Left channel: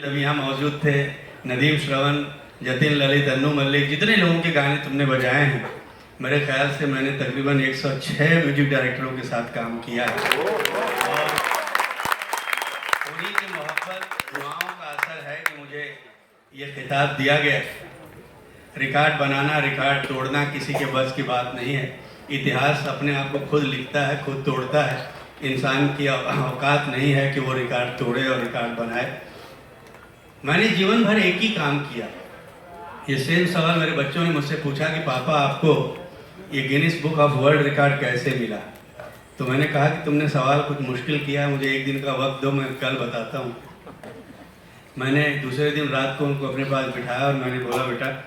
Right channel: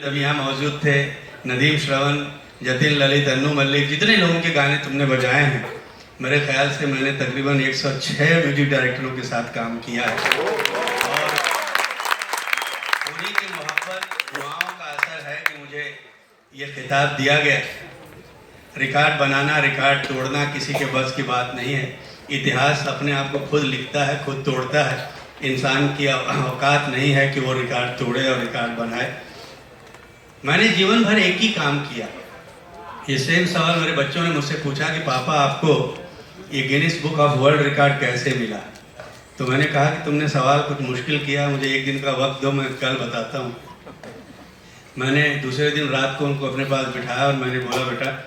अरविंद अभी यहाँ मौजूद थे, नदीम श्रवण, जतिन ललित, अन्नू मल्लिक, जितने लोगों के गाने तुमने बजाए हैं, मेरे ख्याल से मैंने तकरीबन 106 म्यूजिक डायरेक्टरों के साथ काम किया है। और उन्हीं की मोहब्बत, दुआओं का असर है कि मुझे ये खिताब दिया गया। रिकॉर्ड बनाना, रिकॉर्ड तोड़ना किसी के बस की बात नहीं है। इतिहास अपने आप को खुद लिखता है, खुद तोड़ता है। इंसान की औकात नहीं है कि वो रिकॉर्ड तोड़े और रिकॉर्ड बनाए। मैंने जीवन भर एक ही काम किया। ये सेम सवाल मेरे बच्चों ने मुझसे पूछा कि पापा आपको ये Guinness book of world record कैसे मिला। तो मैंने कहा कि तुमने सवाल कुछ मुश्किल किया, मुझे एक दिन का वक्त दो, मैं कल बताता हूँ। मैंने दूसरे दिन रात को उनको अपने पास बिठाया और मैंने बोला, बेटा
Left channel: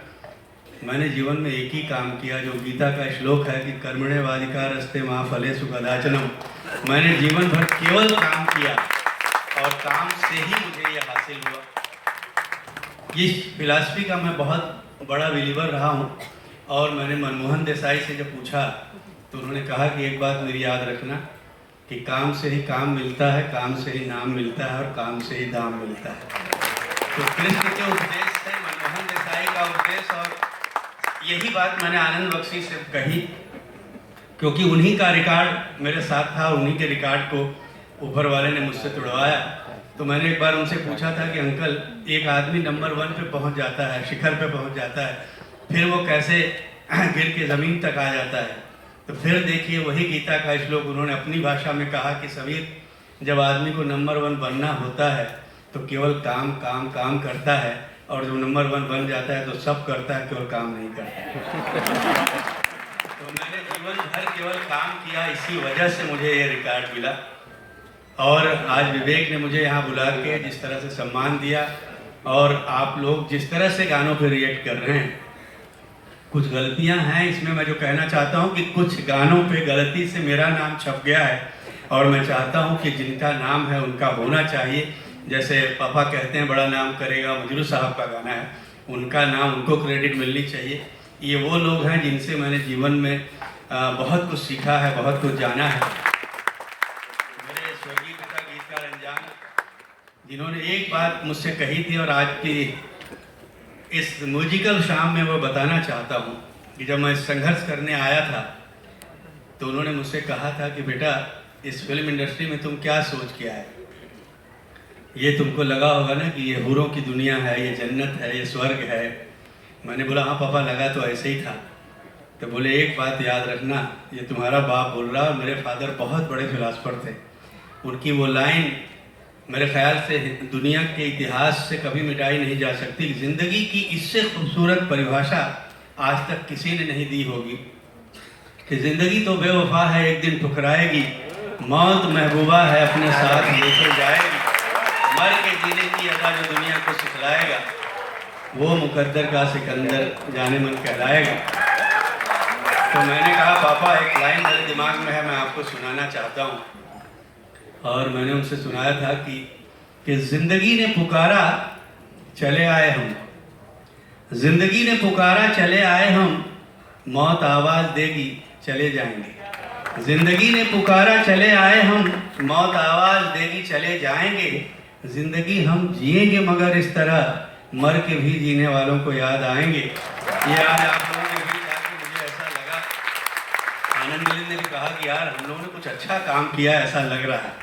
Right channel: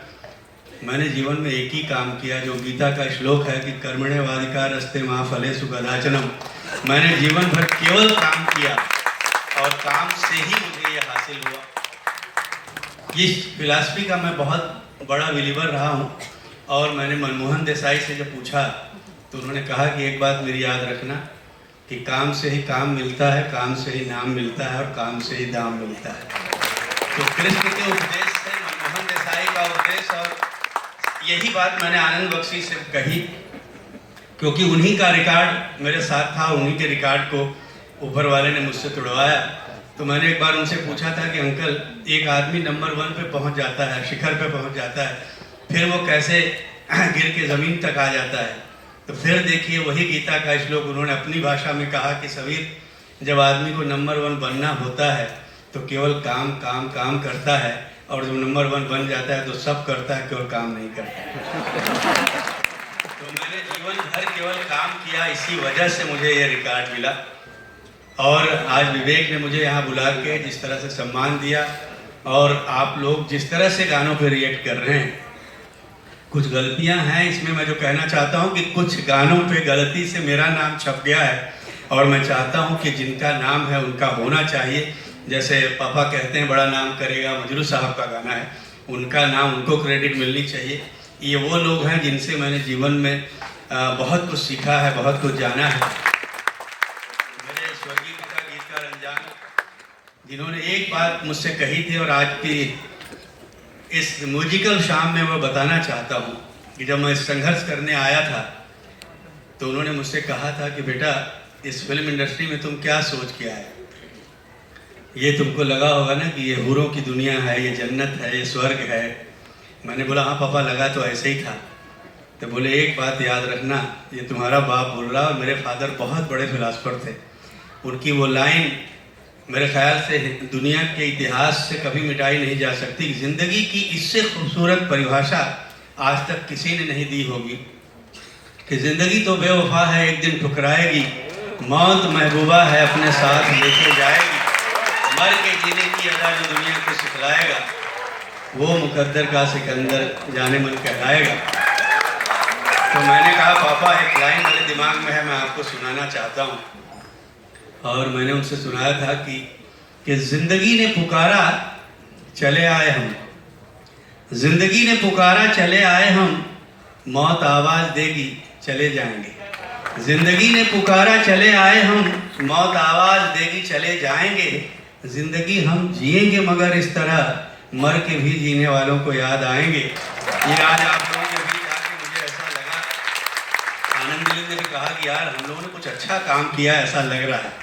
मैंने जीवन में एक ही काम किया, जो गीता का श्लोक है कि कर्मण्येवाधिकारस्ते मा फलेषु कदाचन। मैंने जीवन भर केवल काम किया और काम से ही मुझे ये हासिल हुआ। इस फिलॉसफी का मैं बहुत बड़ा बिलीवर रहा हूँ। और मैंने मनमोहन देसाई से जब पूछा तो उन्होंने कहा कि एक बात मेरी याद रखना कि काम से ही काम मिलता है, काम से ही नाम मिलता है और काम से ही दाम मिलता है। तो कृष्ण के उपदेश से, मनमोहन देसाई का उपदेश, और यही बात मैंने आनंद बख्शी से कही, क्योंकि उन्हीं का रिकॉर्ड मेरे साथ था, उन्हीं के रिकॉर्ड को ऊपर वाले ने मुझसे तोड़वाया। तो मैंने एक बार उनसे पूछा था कि अंकल, एक आदमी नंबर 1 पे पहुंच जाता है, शिखर पे पहुंच जाता है, फिर वो कैसे गिर के ज़मीन तक आ जाता है। तो फिर देखिए वही गीता का श्लोक उन्होंने अपनी भाषा में कहा कि सबीर, जब आदमी को नंबर 1 बनना होता है तो केवल काम काम काम करता है, और जब नंबर 1 बन जाता है तो सब करता है, केवल काम नहीं करता। तो मैंने जीवन भर केवल काम किया, इसी वजह से मुझे ये रिकॉर्ड मिला। और आज विवेक ने मुझे यहाँ बुला के जिस तरह से सम्मान दिया, और आप लोग जिस तरह से गानों पर रिएक्ट कर रहे हैं, कुछ गलतियाँ हैं इसमें। मैं जो कहना चाहता हूँ कि कुछ गानों पे गलती से मेरा नाम छप गया है, और मैं चाहता हूँ कि जिनका नाम है उनका होना चाहिए। जैसे पापा कहते हैं बड़ा नाम करेगा, मजरू साहब का गाना है, उनका नाम, उनको क्रेडिट मिलनी चाहिए। ये वो लोग हैं जिनसे मैंने जीवन में बहुत कुछ सीखा है, बहुत कुछ जाना है। मेरे स्वर्गीय पिता गीतकार अंजान, जिन्होंने एक बात मुझसे कही थी और आज की इस म्यूजिकल शाम में वो बताना चाहता हूँ कि जब मैं संघर्ष करने आया था तो उन्होंने मुझसे कहा था कि बेटा, इस फिल्म इंडस्ट्री में तुम क्या सोच के आए। ये तुमको लगा होगा ना कि ये हूरों की दुनिया है, ये जन्नत है, ये स्वर्ग है। मैंने बोला हाँ पापा, लगा तो ऐसे ही था। तो बोले एक बात याद रखना, ये तुम्हारा बाप बोल रहा, और मेरे फादर बहुत बड़े फिलासफर थे। उनकी वो लाइन मेरे ख्याल से दुनिया के इतिहास से कभी मिटाई नहीं जा सकती। ज़िंदगी की इससे खूबसूरत परिभाषा आज तक किसी ने नहीं दी होगी कि ज़िंदगी तो बेवफा है, एक दिन ठुकराएगी, मौत महबूबा है, अपने साथ लेके जाएगी, मर के जीने की अदा जो दुनिया को सिखलाएगा, वो मुकद्दर का सिकंदर जाने मन कहलाएगा। तो मैंने कहा पापा, एक लाइन मेरे दिमाग में है, मैं आपको सुनाना चाहता हूँ। और मैंने उनसे सुनाया था कि जिंदगी ने पुकारा चले आए हम, जिंदगी ने पुकारा चले आए हम, मौत आवाज देगी चले जाएंगे। जिंदगी ने पुकारा चले आए हम, मौत आवाज देगी चले जाएंगे। जिंदगी हम जिएंगे मगर इस तरह, मर के भी जीने वालों को याद आएंगे। ये आज आप लोगों ने भी कहा कि मुझे ऐसा लगा, आनंद ने भी कहा कि यार हम लोगों ने कुछ अच्छा काम किया, ऐसा लग रहा है।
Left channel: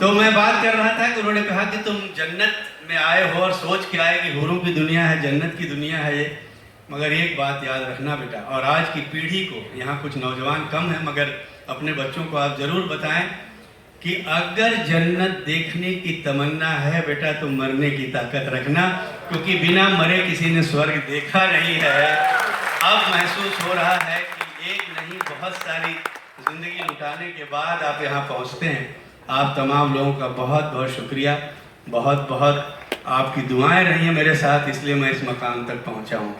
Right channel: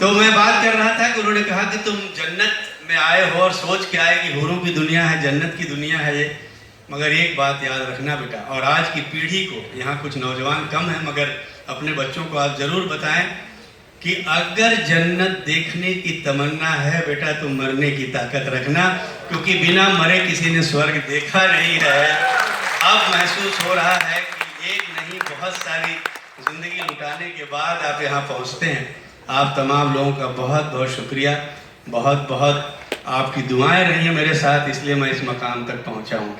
तो मैं बात कर रहा था कि उन्होंने कहा कि तुम जन्नत में आए हो और सोच के आए कि हूरों की दुनिया है, जन्नत की दुनिया है ये। मगर एक बात याद रखना बेटा, और आज की पीढ़ी को, यहाँ कुछ नौजवान कम हैं मगर अपने बच्चों को आप ज़रूर बताएं कि अगर जन्नत देखने की तमन्ना है बेटा, तो मरने की ताकत रखना, क्योंकि बिना मरे किसी ने स्वर्ग देखा नहीं है। अब महसूस हो रहा है कि एक नहीं बहुत सारी ज़िंदगी लुटाने के बाद आप यहाँ पहुँचते हैं। आप तमाम लोगों का बहुत बहुत शुक्रिया, बहुत बहुत आपकी दुआएं रही हैं मेरे साथ, इसलिए मैं इस मकाम तक पहुँचा हूँ।